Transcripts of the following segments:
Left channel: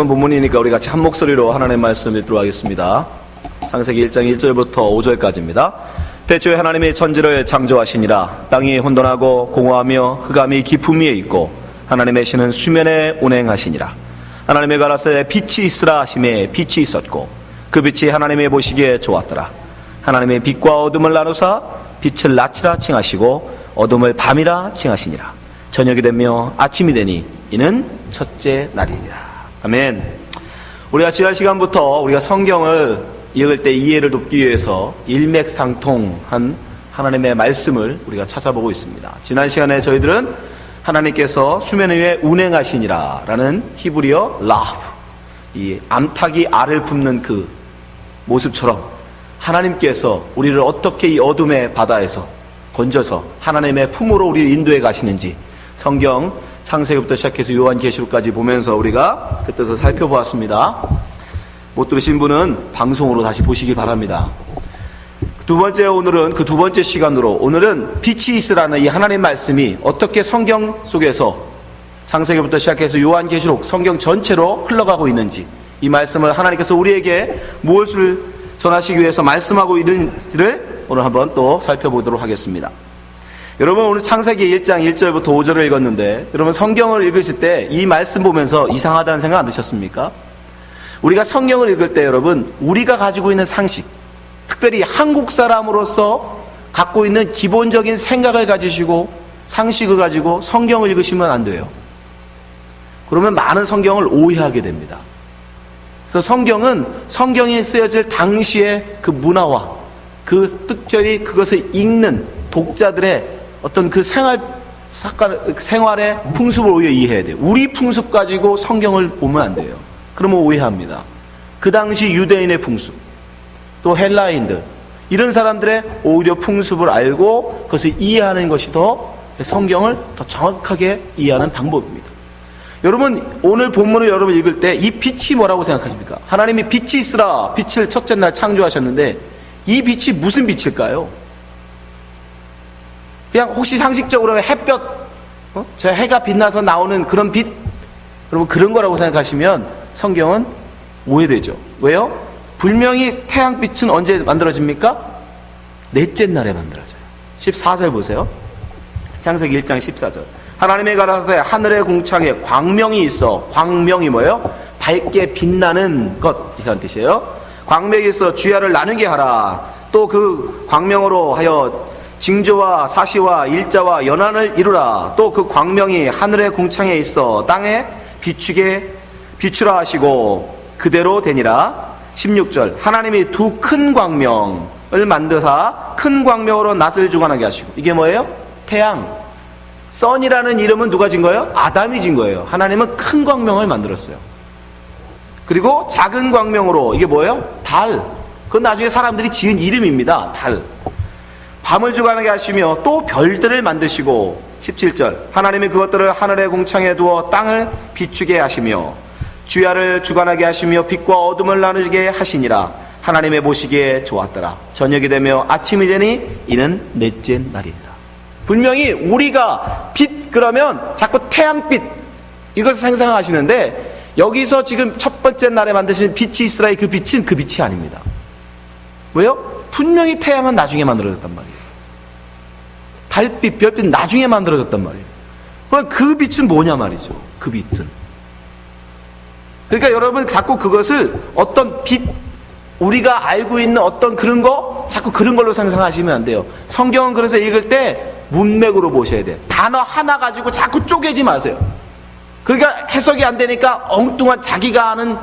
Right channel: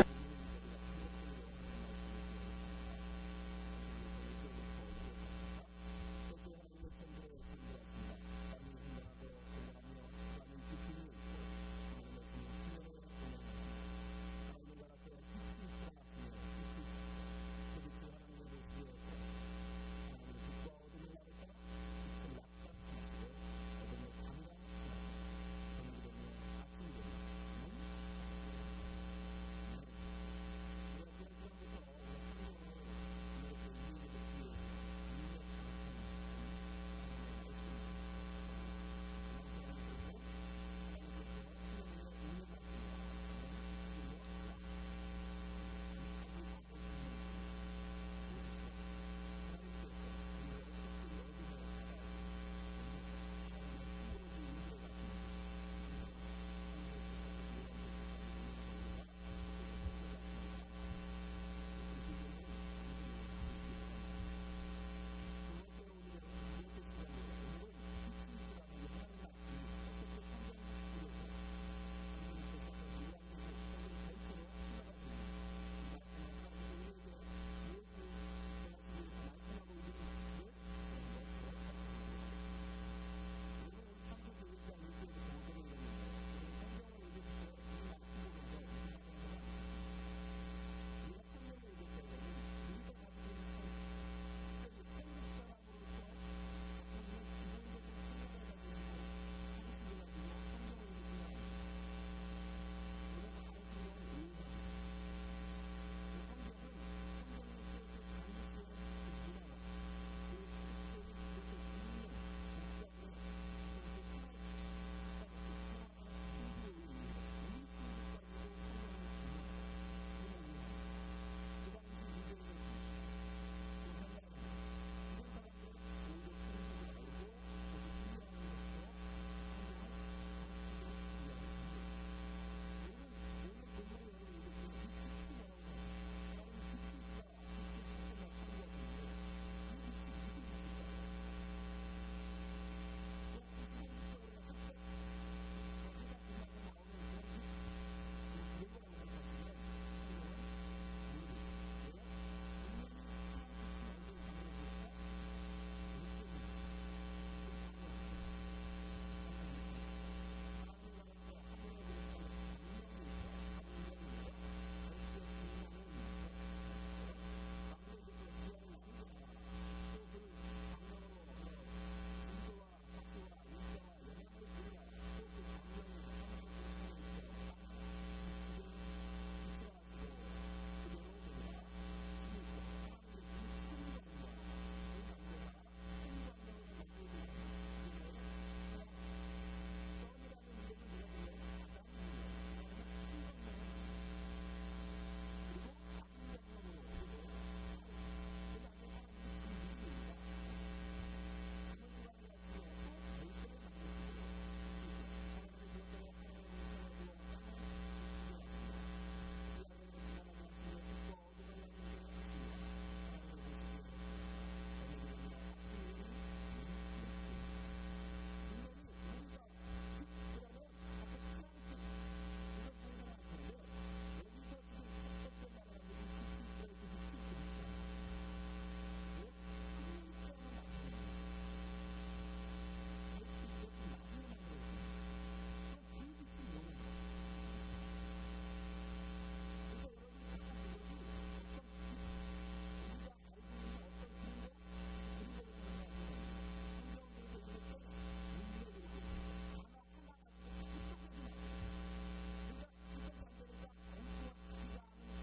짧은 본문이니까 우리 같이 한 목소리로 하나님의 말씀 읽도록 하겠습니다. 창세기 1장 1절부터 5절까지입니다. 태초에 하나님이 천지를 창조하시니라. 땅이 혼돈하고 공허하며 흑암이 깊음 위에 있고 하나님의 신은 수면에 운행하시니라. 하나님의 가라사대 빛이 있으라 하심에 빛이 있었고 그 빛이 하나님의 보시기에 좋았더라. 하나님의 빛과 어둠을 나누사 빛을 낮이라 칭하시고 어둠을 밤이라 칭하시니라. 저녁이 되며 아침이 되니 이는 첫째 날이니라. 아멘. 우리가 지난 시간부터 우리가 성경을 읽을 때 이해를 돕기 위해서 일맥상통한 하나님의 말씀을 우리가 찾아보고 있습니다. 지난 시간에 저희들은 하나님께서 수면 위에 운행하시니라 라는 히브리어 라브, 이 암탉이 알을 붓는 그 모습처럼 하나님께서 우리를 어떻게 이 어둠의 바다에서 건져서 하나님의 품으로 우리를 인도해 가시는지 성경 창세기부터 시작해서 요한계시록까지 보면서 우리가 그 뜻을 살펴보았습니다. 못 들으신 분은 방송으로 다시 보시기 바랍니다. 두 번째, 오늘은 그 두 번째 시간으로 오늘은 빛이 있으라는 이 하나님 말씀이 어떻게 성경 속에서 창세기부터 시작해서 요한계시록 성경 전체로 흘러가고 있는지, 이 말씀을 하나님께서 우리에게 무엇을 전하시기 위해서 말씀하고 있는지를 오늘 한번 또 살펴보도록 하겠습니다. 여러분, 오늘 창세기 1장 1절부터 5절을 읽었는데 여러분 성경을 읽으실 때 이 말씀 보면서 이상하다는 생각 안 드셨습니까? 우리가 성경을 읽을 때 여러분, 우리가 가지고 있는 상식, 특별히 한국 사람으로서 갖고 있는 기본적인 생각을 가지시고 상식을 가지고 성경을 읽으시면 안 돼요. 그러면 많은 성경을 오해하게 됩니다. 그래서 성경은 성경이 쓰여질 당시의 그 문화와 그 특별히 그것을 읽는 독자들의 어떤 그 생활의 풍습을 오히려 이해해야 돼요. 우리 풍습 가지고 성경을 보면 안 돼요. 그러면 오해합니다. 그 당시 유대인의 풍습, 또 헬라인들, 이런 사람들의 오히려 풍습을 알고 그것을 이해하는 것이 더 성경을 더 정확하게 이해하는 방법입니다. 여러분, 오늘 본문을 여러분 읽을 때 이 빛이 뭐라고 생각하십니까? 하나님이 빛이 있으라, 빛을 첫째 날 창조하셨는데 이 빛이 무슨 빛일까요? 그냥 혹시 상식적으로 햇볕, 저 해가 빛나서 나오는 그런 빛, 여러분 그런 거라고 생각하시면 성경은 오해되죠. 왜요? 분명히 태양빛은 언제 만들어집니까? 넷째 날에 만들어져요. 14절 보세요. 창세기 1장 14절. 하나님의 가라사대 하늘의 궁창에 광명이 있어. 광명이 뭐예요? 밝게 빛나는 것, 이런 뜻이에요. 광명이 있어 주야를 나누게 하라. 또 그 광명으로 하여 징조와 사시와 일자와 연한을 이루라. 또 그 광명이 하늘의 궁창에 있어 땅에 비추라 하시고 그대로 되니라. 16절. 하나님이 두 큰 광명을 만드사 큰 광명으로 낫을 주관하게 하시고. 이게 뭐예요? 태양. 선이라는 이름은 누가 진 거예요? 아담이 진 거예요. 하나님은 큰 광명을 만들었어요. 그리고 작은 광명으로, 이게 뭐예요? 달. 그건 나중에 사람들이 지은 이름입니다. 달. 밤을 주관하게 하시며 또 별들을 만드시고. 17절. 하나님이 그것들을 하늘의 궁창에 두어 땅을 비추게 하시며 주야를 주관하게 하시며 빛과 어둠을 나누게 하시니라. 하나님의 보시기에 좋았더라. 저녁이 되며 아침이 되니 이는 넷째 날이니라. 분명히 우리가 빛 그러면 자꾸 태양빛 이것을 상상하시는데, 여기서 지금 첫 번째 날에 만드신 빛이 있으라의 그 빛이 아닙니다. 왜요? 분명히 태양은 나중에 만들어졌단 말이에요. 달빛, 별빛 나중에 만들어졌단 말이에요. 그럼 그 빛은 뭐냐 말이죠. 그 빛은. 그러니까 여러분 자꾸 그것을 어떤 빛, 우리가 알고 있는 어떤 그런 거, 자꾸 그런 걸로 상상하시면 안 돼요. 성경은 그래서 읽을 때 문맥으로 보셔야 돼요. 단어 하나 가지고 자꾸 쪼개지 마세요. 그러니까 해석이 안 되니까 엉뚱한 자기가 아는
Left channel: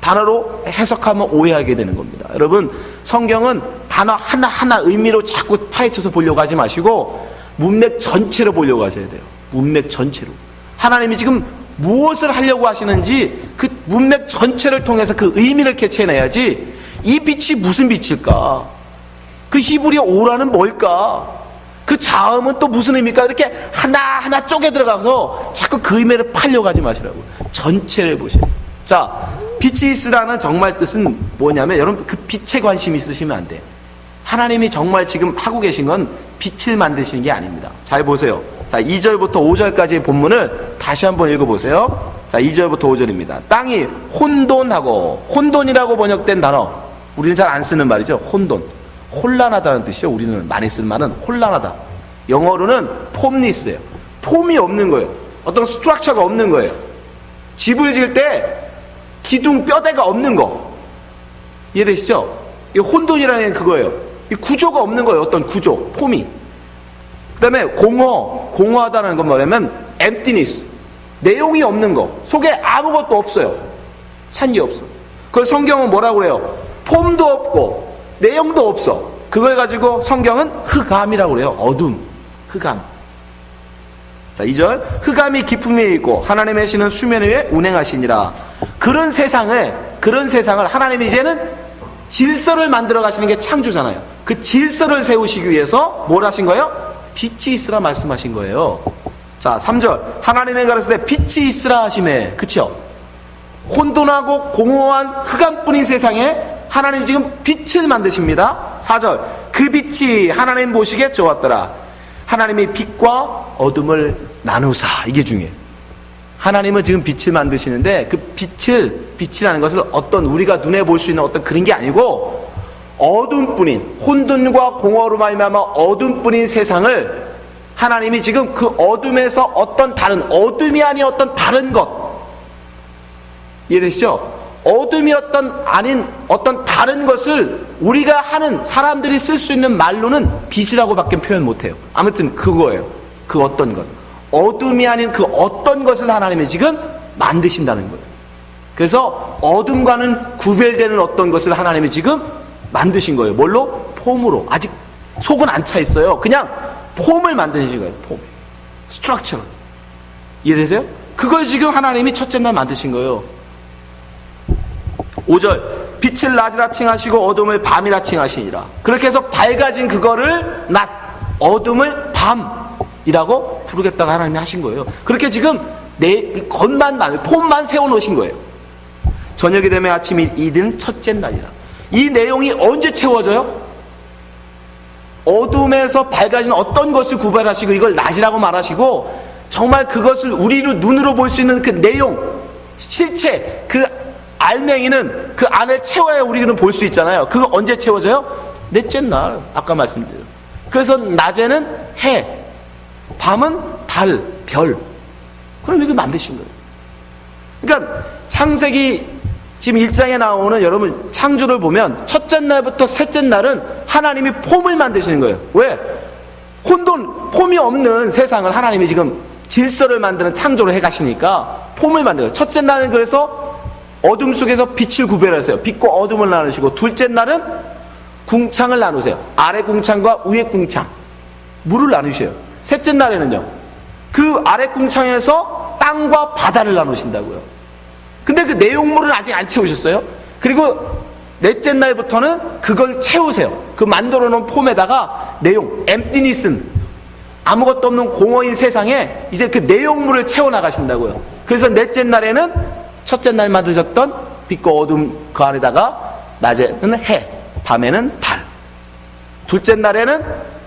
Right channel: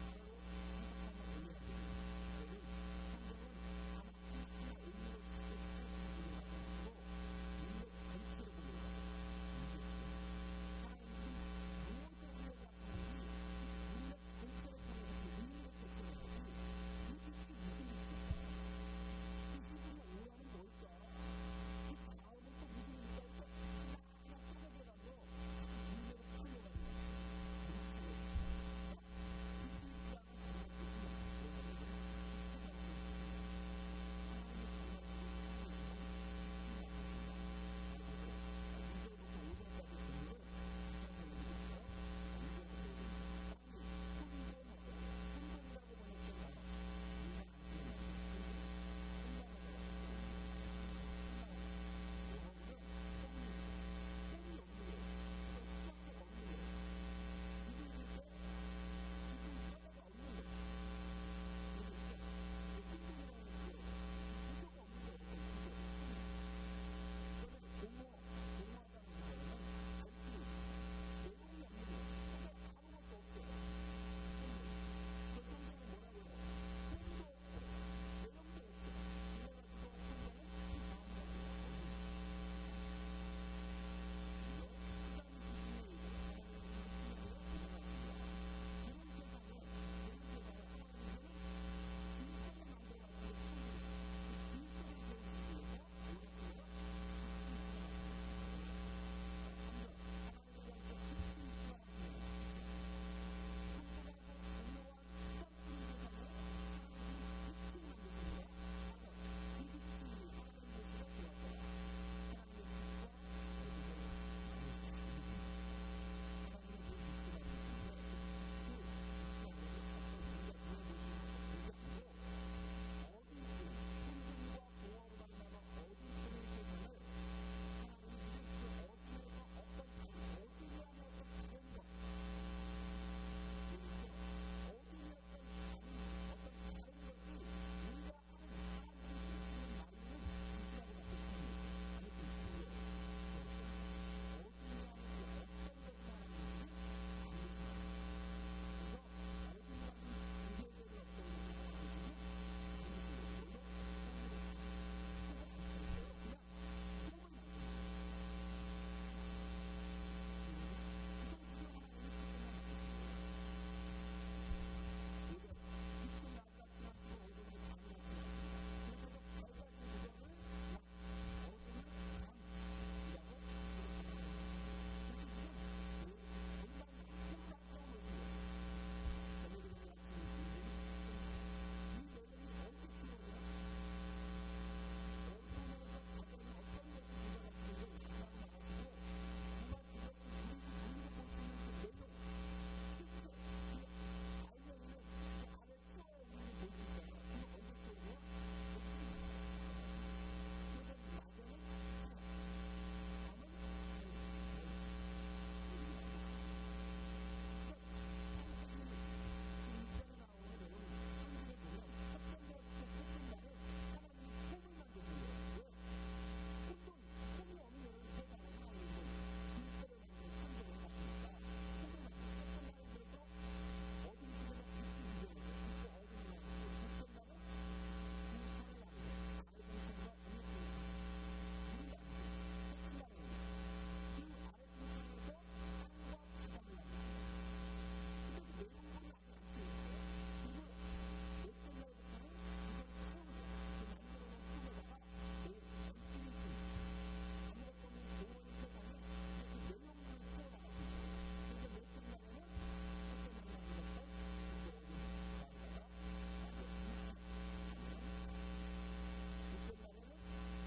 단어로 해석하면 오해하게 되는 겁니다. 여러분, 성경은 단어 하나하나 의미로 자꾸 파헤쳐서 보려고 하지 마시고 문맥 전체로 보려고 하셔야 돼요. 문맥 전체로. 하나님이 지금 무엇을 하려고 하시는지 그 문맥 전체를 통해서 그 의미를 캐치해내야지, 이 빛이 무슨 빛일까? 그 히브리어 오라는 뭘까? 그 자음은 또 무슨 의미일까? 이렇게 하나하나 쪼개 들어가서 자꾸 그 의미를 파려고 하지 마시라고. 전체를 보세요. 자, 빛이 있으라는 정말 뜻은 뭐냐면, 여러분 그 빛에 관심 있으시면 안 돼요. 하나님이 정말 지금 하고 계신 건 빛을 만드시는 게 아닙니다. 잘 보세요. 자, 2절부터 5절까지의 본문을 다시 한번 읽어보세요. 자, 2절부터 5절입니다. 땅이 혼돈하고, 혼돈이라고 번역된 단어, 우리는 잘 안 쓰는 말이죠. 혼돈. 혼란하다는 뜻이죠. 우리는 많이 쓰는 말은 혼란하다. 영어로는 폼리스예요. 폼이 없는 거예요. 어떤 스트럭처가 없는 거예요. 집을 지을 때 기둥 뼈대가 없는 거. 이해되시죠? 이 혼돈이라는 게 그거예요. 이 구조가 없는 거예요. 어떤 구조, 폼이. 그 다음에 공허하다는 건 뭐냐면 emptiness. 내용이 없는 거. 속에 아무것도 없어요. 찬 게 없어. 그걸 성경은 뭐라고 그래요? 폼도 없고 내용도 없어. 그걸 가지고 성경은 흑암이라고 그래요. 어둠, 흑암. 자, 2절. 흑암이 깊음에 있고 하나님의 신은 수면 위에 운행하시니라. 그런 세상을 하나님이 이제는 질서를 만들어 가시는 게 창조잖아요. 그 질서를 세우시기 위해서 뭘 하신 거예요? 빛이 있으라 말씀하신 거예요. 자, 3절. 하나님의 가르칠 때 빛이 있으라 하심에, 그쵸? 혼돈하고 공허한 흑암뿐인 세상에 하나님 지금 빛을 만드십니다. 4절. 그 빛이 하나님 보시기에 좋았더라. 하나님이 빛과 어둠을 나누사. 이게 중요해요. 하나님은 지금 빛을 만드시는데 그 빛이라는 것을 어떤 우리가 눈에 볼 수 있는 어떤 그런 게 아니고 어둠뿐인, 혼돈과 공허로 말미암아 어둠뿐인 세상을 하나님이 지금 그 어둠에서 어떤 다른, 어둠이 아닌 어떤 다른 것, 이해되시죠? 어둠이 아닌 어떤 다른 것을 우리가 하는, 사람들이 쓸 수 있는 말로는 빛이라고 밖에 표현 못해요. 아무튼 그거예요. 그 어떤 것, 어둠이 아닌 그 어떤 것을 하나님이 지금 만드신다는 거예요. 그래서 어둠과는 구별되는 어떤 것을 하나님이 지금 만드신 거예요. 뭘로? 폼으로. 아직 속은 안 차 있어요. 그냥 폼을 만드신 거예요. 폼, 스트럭처. 이해되세요? 그걸 지금 하나님이 첫째 날 만드신 거예요. 5절. 빛을 낮이라 칭하시고 어둠을 밤이라 칭하시니라. 그렇게 해서 밝아진 그거를 낮, 어둠을 밤이라고 부르겠다고 하나님이 하신 거예요. 그렇게 지금 폼만 세워놓으신 거예요. 저녁이 되면 아침이 이른 첫째 날이라. 이 내용이 언제 채워져요? 어둠에서 밝아진 어떤 것을 구별하시고 이걸 낮이라고 말하시고 정말 그것을 우리로 눈으로 볼 수 있는 그 내용, 실체, 그 알맹이는 그 안을 채워야 우리는 볼 수 있잖아요. 그거 언제 채워져요? 넷째 날. 아까 말씀드려요. 그래서 낮에는 해, 밤은 달, 별. 그럼 이거 만드신 거예요. 그러니까 창세기 지금 1장에 나오는 여러분 창조를 보면 첫째 날부터 셋째 날은 하나님이 폼을 만드시는 거예요. 왜? 폼이 없는 세상을 하나님이 지금 질서를 만드는 창조를 해가시니까 폼을 만들어요. 첫째 날은 그래서 어둠 속에서 빛을 구별하세요. 빛과 어둠을 나누시고 둘째 날은 궁창을 나누세요. 아래 궁창과 위에 궁창, 물을 나누셔요. 셋째 날에는요, 그 아래 궁창에서 땅과 바다를 나누신다고요. 근데 그 내용물은 아직 안 채우셨어요. 그리고 넷째 날부터는 그걸 채우세요. 그 만들어 놓은 폼에다가 내용, emptiness, 아무것도 없는 공허인 세상에 이제 그 내용물을 채워 나가신다고요. 그래서 넷째 날에는 첫째 날 만드셨던 빛과 어둠 그 안에다가 낮에는 해, 밤에는 달. 둘째 날에는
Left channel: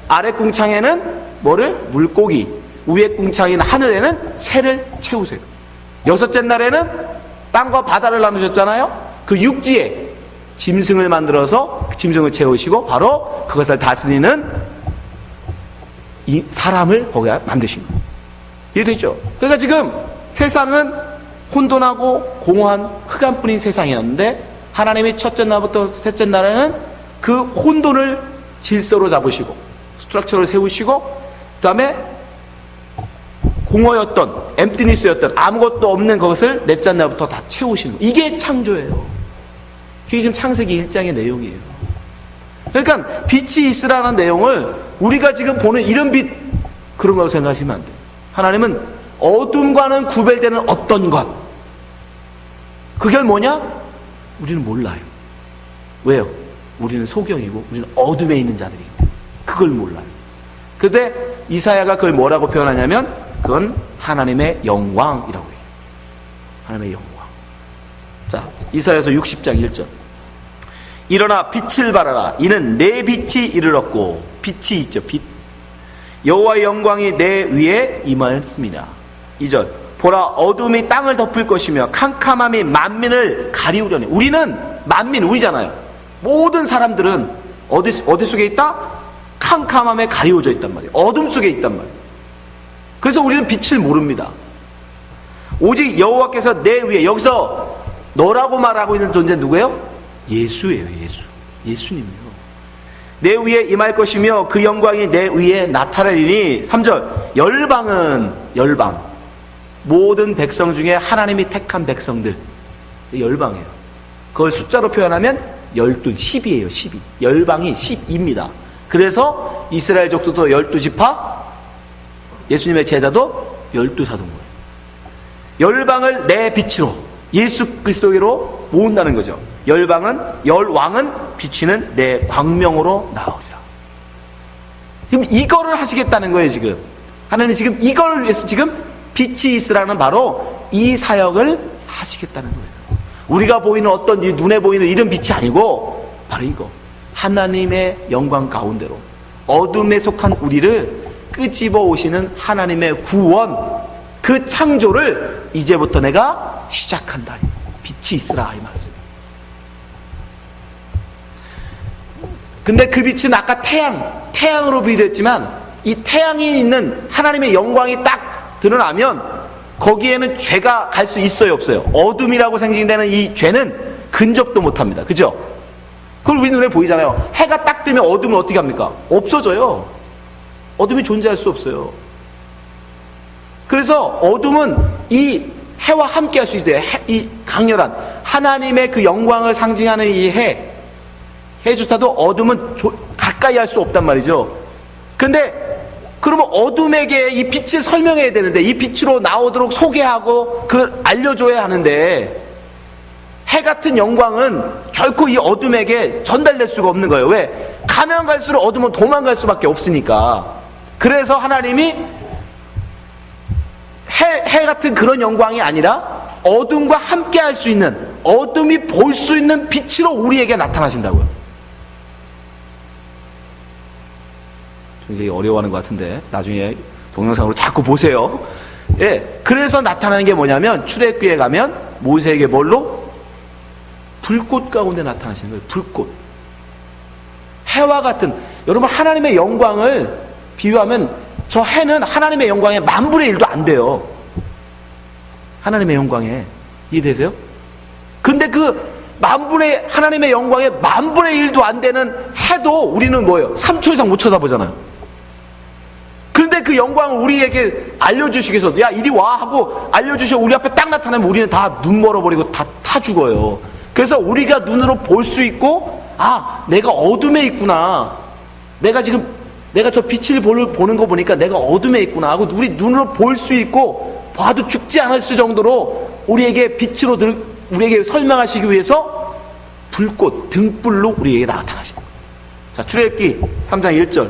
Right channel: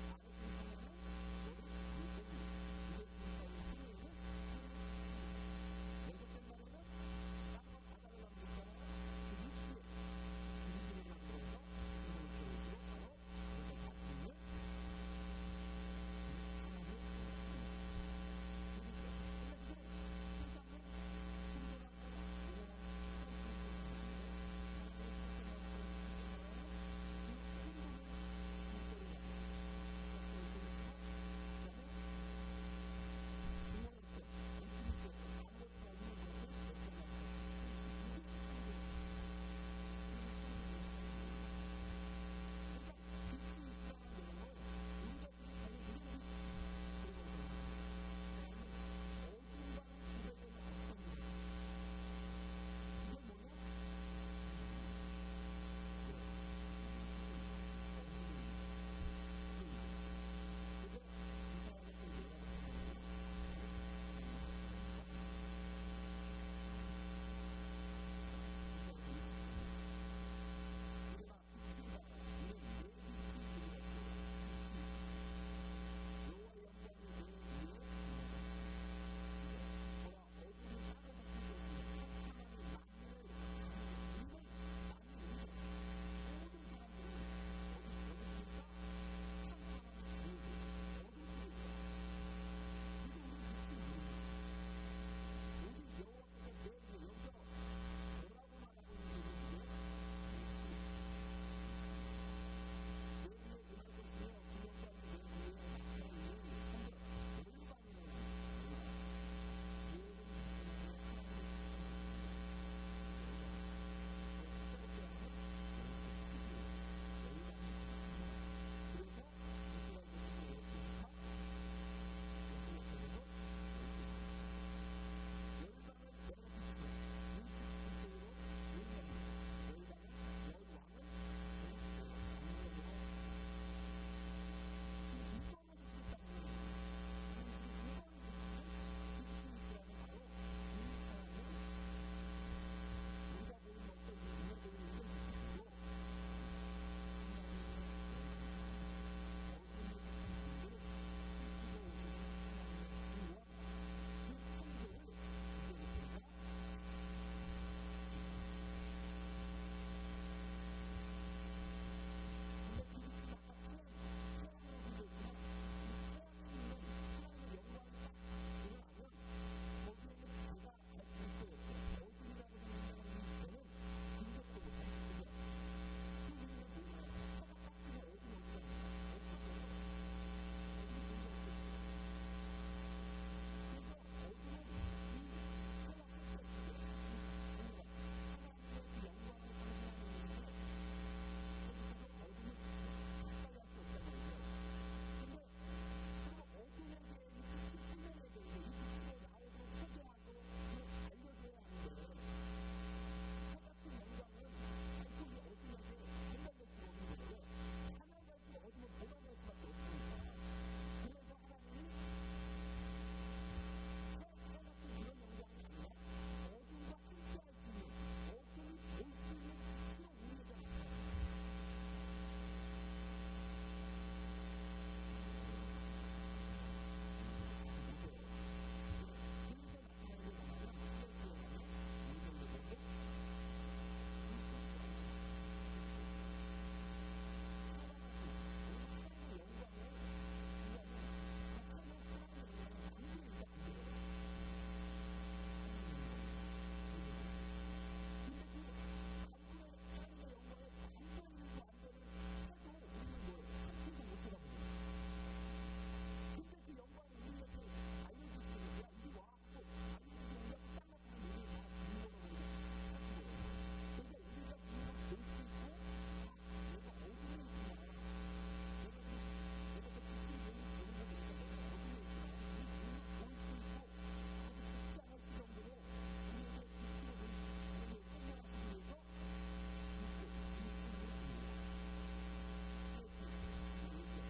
아래 궁창에는 뭐를? 물고기. 위에 궁창인 하늘에는 새를 채우세요. 여섯째 날에는 땅과 바다를 나누셨잖아요. 그 육지에 짐승을 만들어서 그 짐승을 채우시고 바로 그것을 다스리는 이 사람을 거기에 만드신 거예요. 이해되죠? 그러니까 지금 세상은 혼돈하고 공허한 흑암뿐인 세상이었는데 하나님이 첫째 날부터 셋째 날에는 그 혼돈을 질서로 잡으시고 스트럭처를 세우시고 그 다음에 공허였던, 엠프티니스였던 아무것도 없는 것을 넷째 날부터 다 채우시는 거예요. 이게 창조예요. 그게 지금 창세기 1장의 내용이에요. 그러니까 빛이 있으라는 내용을 우리가 지금 보는 이런 빛, 그런 거라고 생각하시면 안 돼요. 하나님은 어둠과는 구별되는 어떤 것, 그게 뭐냐? 우리는 몰라요. 왜요? 우리는 소경이고 우리는 어둠에 있는 자들이기 때문에 그걸 몰라요. 그런데 이사야가 그걸 뭐라고 표현하냐면 그건 하나님의 영광이라고 해요. 하나님의 영광. 자, 이사야서 60장 1절. 일어나 빛을 발하라. 이는 내 빛이 이르렀고, 빛이 있죠, 빛. 여호와의 영광이 내 위에 임하였습니다. 2절. 보라 어둠이 땅을 덮을 것이며 캄캄함이 만민을 가리우려니. 우리는 만민, 우리잖아요. 모든 사람들은 어디 속에 있다? 캄캄함에 가리워져 있단 말이에요. 어둠 속에 있단 말이에요. 그래서 우리는 빛을 모릅니다. 오직 여호와께서 내 위에, 여기서 너라고 말하고 있는 존재는 누구예요? 예수예요. 예수님이요. 내 위에 임할 것이며 그 영광이 내 위에 나타나리니. 3절 열방, 모든 백성 중에 하나님이 택한 백성들, 열방이에요. 그걸 숫자로 표현하면 12, 10이에요. 12. 열방이 10입니다. 그래서 이스라엘 족속도 12지파, 예수님의 제자도 12사도인 거예요. 열방을 내 빛으로, 예수 그리스도로 모은다는 거죠. 열왕은 비치는 내 광명으로 나오리라. 지금 이거를 하시겠다는 거예요. 지금 하나님 지금 이걸 위해서 지금 빛이 있으라는 바로 이 사역을 하시겠다는 거예요. 우리가 보이는 어떤 눈에 보이는 이런 빛이 아니고 바로 이거, 하나님의 영광 가운데로 어둠에 속한 우리를 끄집어 오시는 하나님의 구원, 그 창조를 이제부터 내가 시작한다. 빛이 있으라 이 말씀. 근데 그 빛은 아까 태양으로 비유됐지만, 이 태양이 있는 하나님의 영광이 딱 드러나면 거기에는 죄가 갈 수 있어요, 없어요? 어둠이라고 상징되는 이 죄는 근접도 못합니다. 그죠? 그걸 우리 눈에 보이잖아요. 해가 딱 뜨면 어둠은 어떻게 합니까? 없어져요. 어둠이 존재할 수 없어요. 그래서 어둠은 이 해와 함께 할 수 있어요. 이 강렬한 하나님의 그 영광을 상징하는 이 해조차도 어둠은 가까이 할 수 없단 말이죠. 근데 그러면 어둠에게 이 빛을 설명해야 되는데, 이 빛으로 나오도록 소개하고 그 알려줘야 하는데, 해 같은 영광은 결코 이 어둠에게 전달될 수가 없는 거예요. 왜? 가면 갈수록 어둠은 도망갈 수밖에 없으니까. 그래서 하나님이 해 같은 그런 영광이 아니라 어둠과 함께 할 수 있는, 어둠이 볼 수 있는 빛으로 우리에게 나타나신다고요. 굉장히 어려워하는 것 같은데 나중에 동영상으로 자꾸 보세요. 예, 그래서 나타나는 게 뭐냐면, 출애굽기에 가면 모세에게 뭘로? 불꽃 가운데 나타나시는 거예요. 불꽃. 해와 같은, 여러분 하나님의 영광을 비유하면 저 해는 하나님의 영광의 10,000분의 1도 안 돼요. 하나님의 영광에. 이해되세요? 근데 그 하나님의 영광의 10,000분의 1도 안 되는 해도 우리는 뭐예요? 3초 이상 못 쳐다보잖아요. 그런데 그 영광을 우리에게 알려주시기 위해서, 야 이리 와 하고 알려주셔 우리 앞에 딱 나타나면 우리는 다 눈 멀어버리고 다 타 죽어요. 그래서 우리가 눈으로 볼 수 있고, 아 내가 어둠에 있구나, 내가 저 빛을 보는 거 보니까 내가 어둠에 있구나 하고 우리 눈으로 볼 수 있고, 봐도 죽지 않을 수 정도로 우리에게 빛으로 우리에게 설명하시기 위해서 불꽃, 등불로 우리에게 나타나시는 거예요. 자, 출애굽기 3장 1절.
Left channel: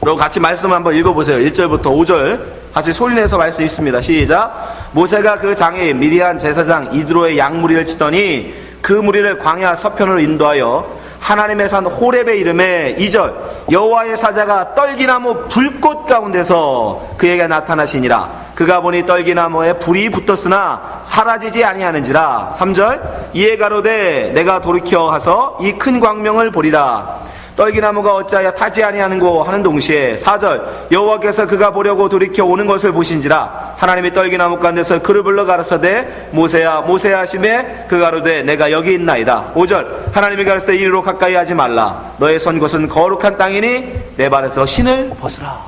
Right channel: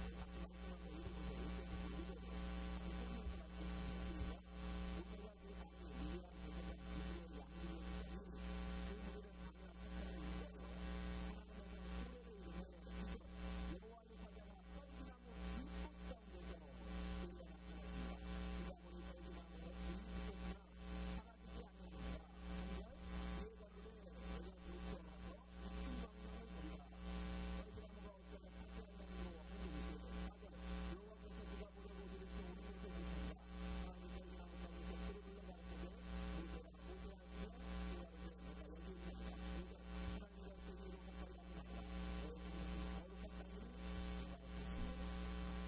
그럼 같이 말씀 한번 읽어보세요. 1절부터 5절 같이 소리내서 말씀 있습니다. 시작. 모세가 그 장애인 미디안 제사장 이드로의 양무리를 치더니 그 무리를 광야 서편으로 인도하여 하나님의 산 호렙의 이름에 2절 여호와의 사자가 떨기나무 불꽃 가운데서 그에게 나타나시니라. 그가 보니 떨기나무에 불이 붙었으나 사라지지 아니하는지라. 3절 이에 가로되 내가 돌이켜 가서 이 큰 광명을 보리라. 떨기나무가 어찌하여 타지 아니하는고 하는 동시에 4절 여호와께서 그가 보려고 돌이켜 오는 것을 보신지라. 하나님이 떨기나무 가운데서 그를 불러 가라사대 모세야 모세야 하시매 그 가로되 내가 여기 있나이다. 5절 하나님이 가라사대 이리로 가까이 하지 말라. 너의 선 곳은 거룩한 땅이니 내 발에서 신을 벗으라.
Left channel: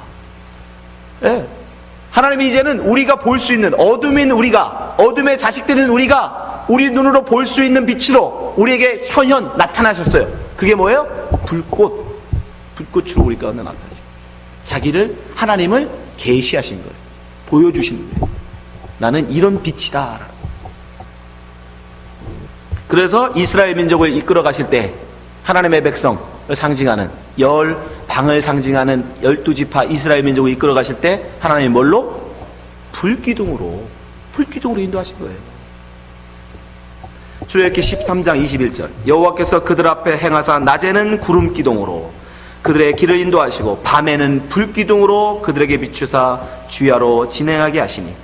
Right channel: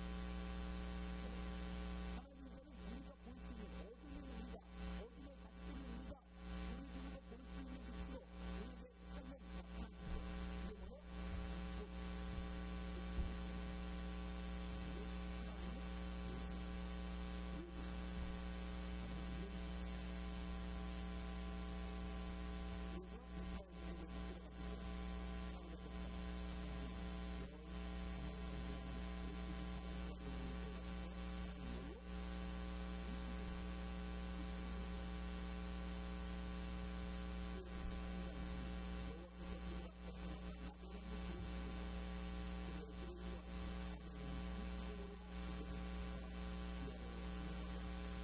예. 하나님이 이제는 우리가 볼 수 있는, 어둠인 우리가, 어둠의 자식들인 우리가 우리 눈으로 볼 수 있는 빛으로 우리에게 현현 나타나셨어요. 그게 뭐예요? 불꽃으로 우리 가운데 나타나시고 자기를, 하나님을 계시하신 거예요. 보여주시는 거예요. 나는 이런 빛이다. 그래서 이스라엘 민족을 이끌어 가실 때 하나님의 백성을 상징하는, 방을 상징하는 12지파 이스라엘 민족을 이끌어 가실 때 하나님이 뭘로? 불기둥으로 인도하신 거예요. 출애굽기 13장 21절 여호와께서 그들 앞에 행하사 낮에는 구름 기둥으로 그들의 길을 인도하시고 밤에는 불기둥으로 그들에게 비추사 주야로 진행하게 하시니.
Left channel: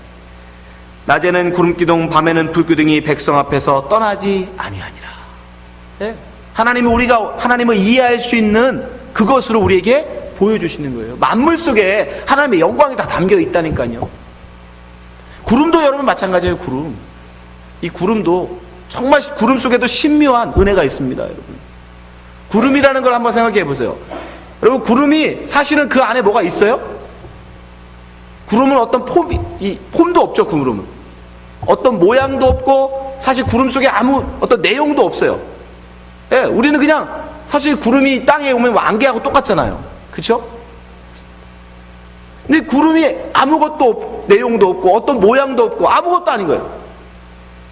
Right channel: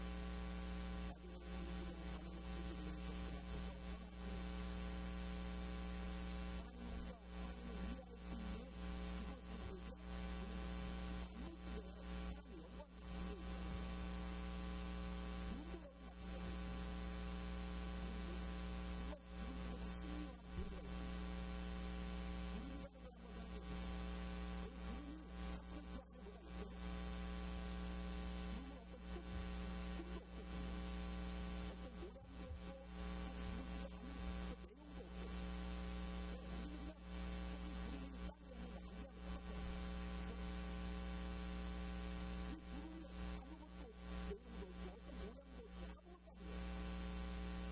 낮에는 구름기둥 밤에는 불기둥이 백성 앞에서 떠나지 아니하니라. 네? 하나님이 우리가 하나님을 이해할 수 있는 그것으로 우리에게 보여주시는 거예요. 만물 속에 하나님의 영광이 다 담겨 있다니까요. 구름도 여러분 마찬가지예요. 구름. 이 구름도 정말 구름 속에도 신묘한 은혜가 있습니다. 여러분. 구름이라는 걸 한번 생각해 보세요. 여러분, 구름이 사실은 그 안에 뭐가 있어요? 구름은 어떤 폼도 없죠. 구름은 어떤 모양도 없고 사실 구름 속에 아무 어떤 내용도 없어요. 예, 우리는 그냥 사실 구름이 땅에 오면 안개하고 똑같잖아요. 그렇죠? 근데 구름이 아무것도 없고 내용도 없고 어떤 모양도 없고 아무것도 아닌 거예요.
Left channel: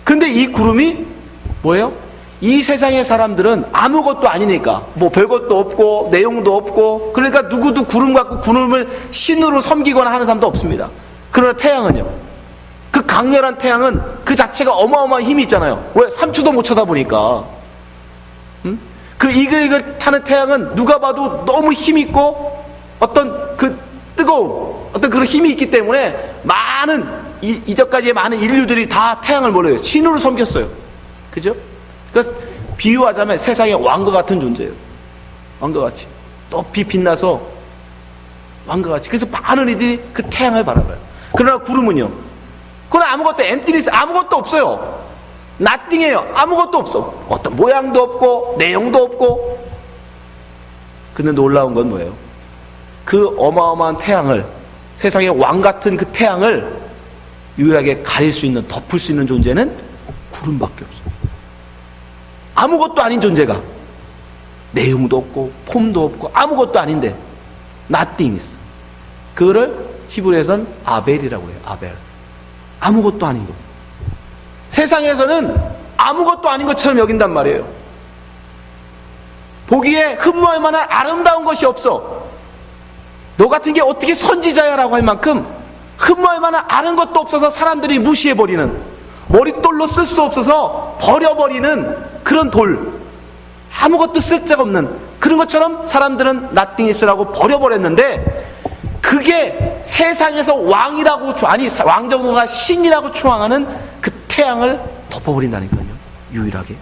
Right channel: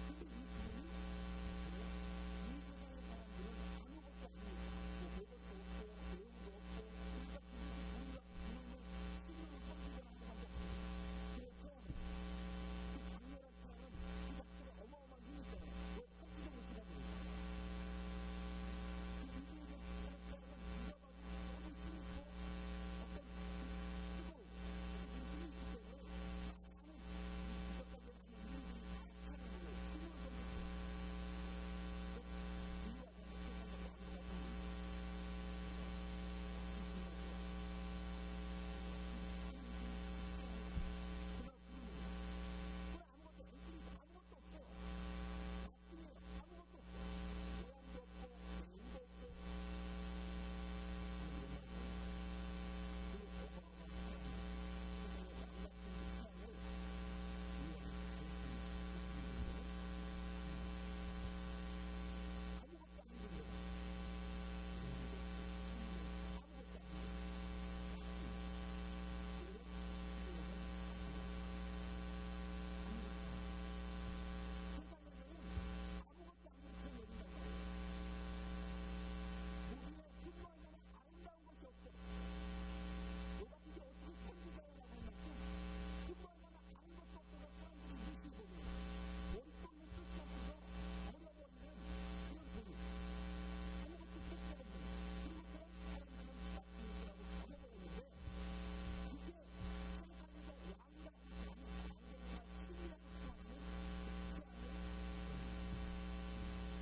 근데 이 구름이 뭐예요? 이 세상의 사람들은 아무것도 아니니까 뭐 별것도 없고 내용도 없고 그러니까 누구도 구름 갖고 구름을 신으로 섬기거나 하는 사람도 없습니다. 그러나 태양은요, 그 강렬한 태양은 그 자체가 어마어마한 힘이 있잖아요. 왜? 3초도 못 쳐다보니까. 그 이글이글 타는 태양은 누가 봐도 너무 힘있고 어떤 그 뜨거움, 어떤 그런 힘이 있기 때문에 많은 이전까지의 많은 인류들이 다 태양을 몰라요. 신으로 섬겼어요. 그죠? 그러니까 비유하자면 세상의 왕과 같은 존재예요. 왕과 같이 높이 빛나서 왕과 같이. 그래서 많은 이들이 그 태양을 바라봐요. 그러나 구름은요, 그건 아무것도 엠티니스, 아무것도 없어요. 나띵해요. 아무것도 없어. 어떤 모양도 없고 내용도 없고. 근데 놀라운 건 뭐예요? 그 어마어마한 태양을, 세상의 왕 같은 그 태양을 유일하게 가릴 수 있는, 덮을 수 있는 존재는 구름밖에 없어요. 아무것도 아닌 존재가 내용도 없고 폼도 없고 아무것도 아닌데 nothing is. 그거를 히브리에서는 아벨이라고 해요. 아벨. 아무것도 아닌 거. 세상에서는 아무것도 아닌 것처럼 여긴단 말이에요. 보기에 흠모할 만한 아름다운 것이 없어. 너 같은 게 어떻게 선지자야라고 할 만큼 흠모할 만한 아는 것도 없어서 사람들이 무시해버리는, 머릿돌로 쓸 수 없어서 버려버리는 그런 돌, 아무것도 쓸데없는 그런 것처럼 사람들은 나띵이스라고 버려버렸는데, 그게 세상에서 왕이라고, 아니 왕정도가 신이라고 추앙하는 그 태양을 덮어버린다니까요. 유일하게.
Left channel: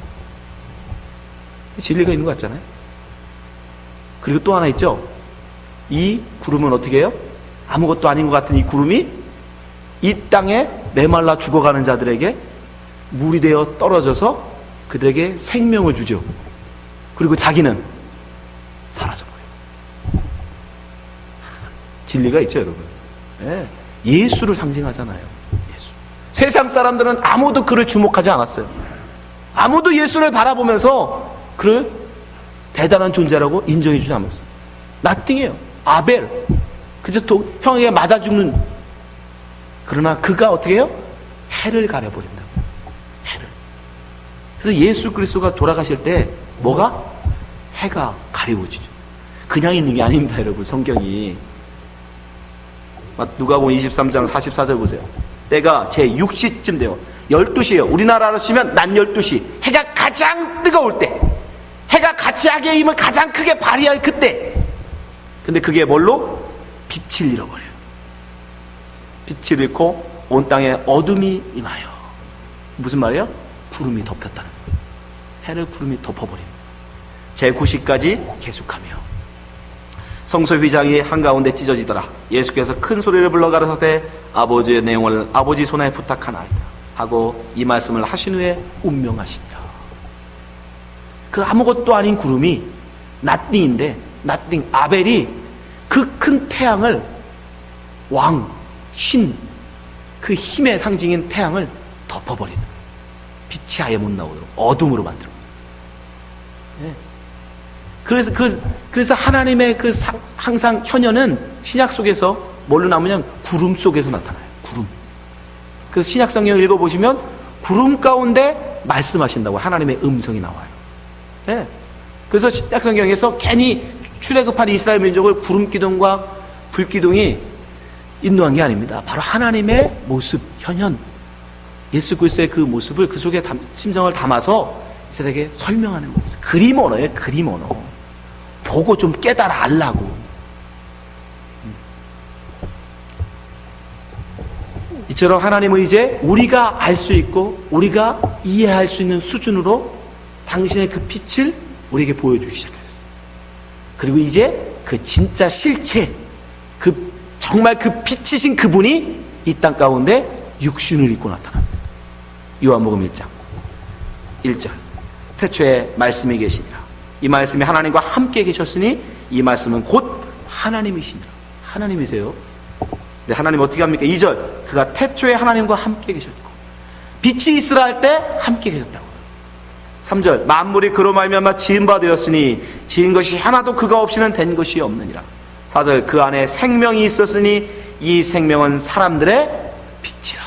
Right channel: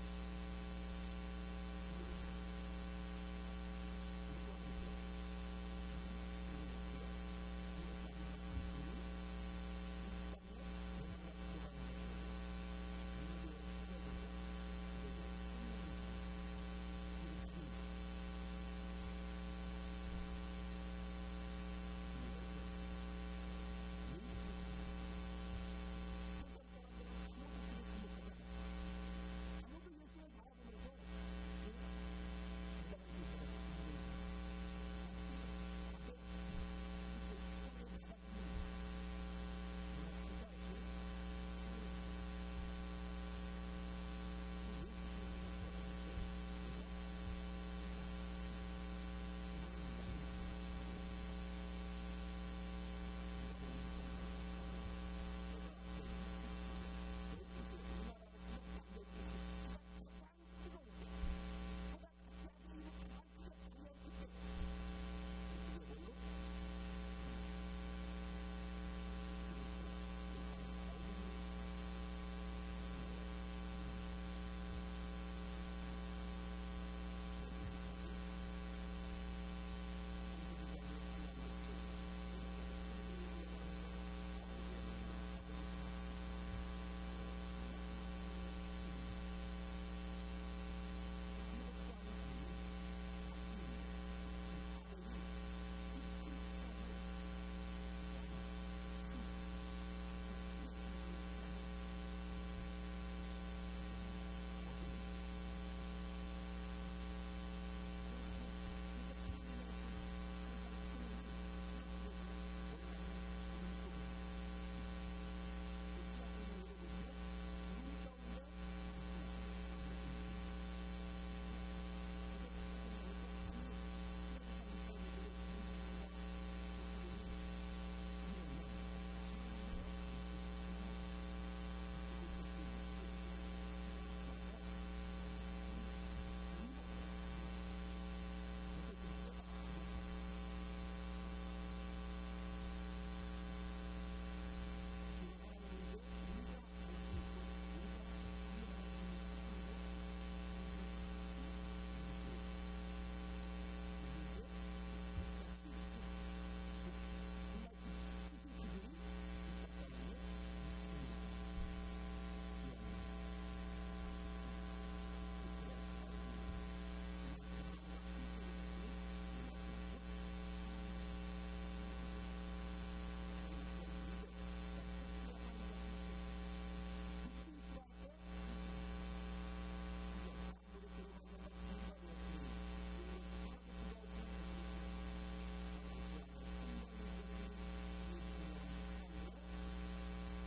진리가 있는 것 같잖아요. 그리고 또 하나 있죠. 이 구름은 어떻게 해요? 아무것도 아닌 것 같은 이 구름이 이 땅에 메말라 죽어가는 자들에게 물이 되어 떨어져서 그들에게 생명을 주죠. 그리고 자기는 사라져버려요. 진리가 있죠, 여러분. 네. 예수를 상징하잖아요. 예수. 세상 사람들은 아무도 그를 주목하지 않았어요. 아무도 예수를 바라보면서 그를 대단한 존재라고 인정해 주지 않았어요. 나띵이에요. 아벨. 그저 형에게 맞아 죽는. 그러나 그가 어떻게 해요? 해를 가려버린다고. 해를. 그래서 예수 그리스도가 돌아가실 때 뭐가? 해가 가려워지죠. 그냥 있는 게 아닙니다, 여러분. 성경이. 누가복음 23장 44절 보세요. 때가 제 6시쯤 돼요. 12시예요. 우리나라로 치면 낮 12시. 해가 가장 뜨거울 때. 해가 가치하게 힘을 가장 크게 발휘할 그때. 근데 그게 뭘로? 빛을 잃어버려요. 빛을 잃고 온 땅에 어둠이 임하여. 무슨 말이에요? 구름이 덮였다는 거예요. 해를 구름이 덮어버립니다. 제9시까지 계속하며 성소 휘장이 한가운데 찢어지더라. 예수께서 큰 소리를 불러 가라사대 아버지의 내용을 아버지 손에 부탁하나이다 하고 이 말씀을 하신 후에 운명하시니라. 그 아무것도 아닌 구름이 나띵인데, 나띵 아벨이 그 큰 태양을, 왕, 신, 그 힘의 상징인 태양을 덮어버리는, 빛이 아예 못 나오도록 어둠으로 만들어. 네. 그래서 하나님의 항상 현현은 신약 속에서 뭘로 나오냐면 구름 속에서 나타나요. 구름. 그래서 신약 성경을 읽어보시면 구름 가운데 말씀하신다고 하나님의 음성이 나와요. 네. 그래서 신약 성경에서 괜히 출애굽한 이스라엘 민족을 구름 기둥과 불 기둥이 인도한 게 아닙니다. 바로 하나님의 모습, 현현, 예수 그리스도의 그 모습을 그 속에 심정을 담아서 이스라엘에게 설명하는 모습. 그림 언어예요. 그림 언어. 보고 좀 깨달아 알라고. 이처럼 하나님은 이제 우리가 알 수 있고 우리가 이해할 수 있는 수준으로 당신의 그 빛을 우리에게 보여주기 시작했어요. 그리고 이제 그 진짜 실체, 정말 그 빛이신 그분이 이 땅 가운데 육신을 입고 나타납니다. 요한복음 1장 1절 태초에 말씀이 계시니라. 이 말씀이 하나님과 함께 계셨으니 이 말씀은 곧 하나님이시니라. 하나님이세요. 네, 하나님 어떻게 합니까? 2절 그가 태초에 하나님과 함께 계셨고 빛이 있으라 할 때 함께 계셨다고. 3절 만물이 그로 말미암아 지은 바 되었으니 지은 것이 하나도 그가 없이는 된 것이 없느니라. 4절 그 안에 생명이 있었으니 이 생명은 사람들의 빛이라.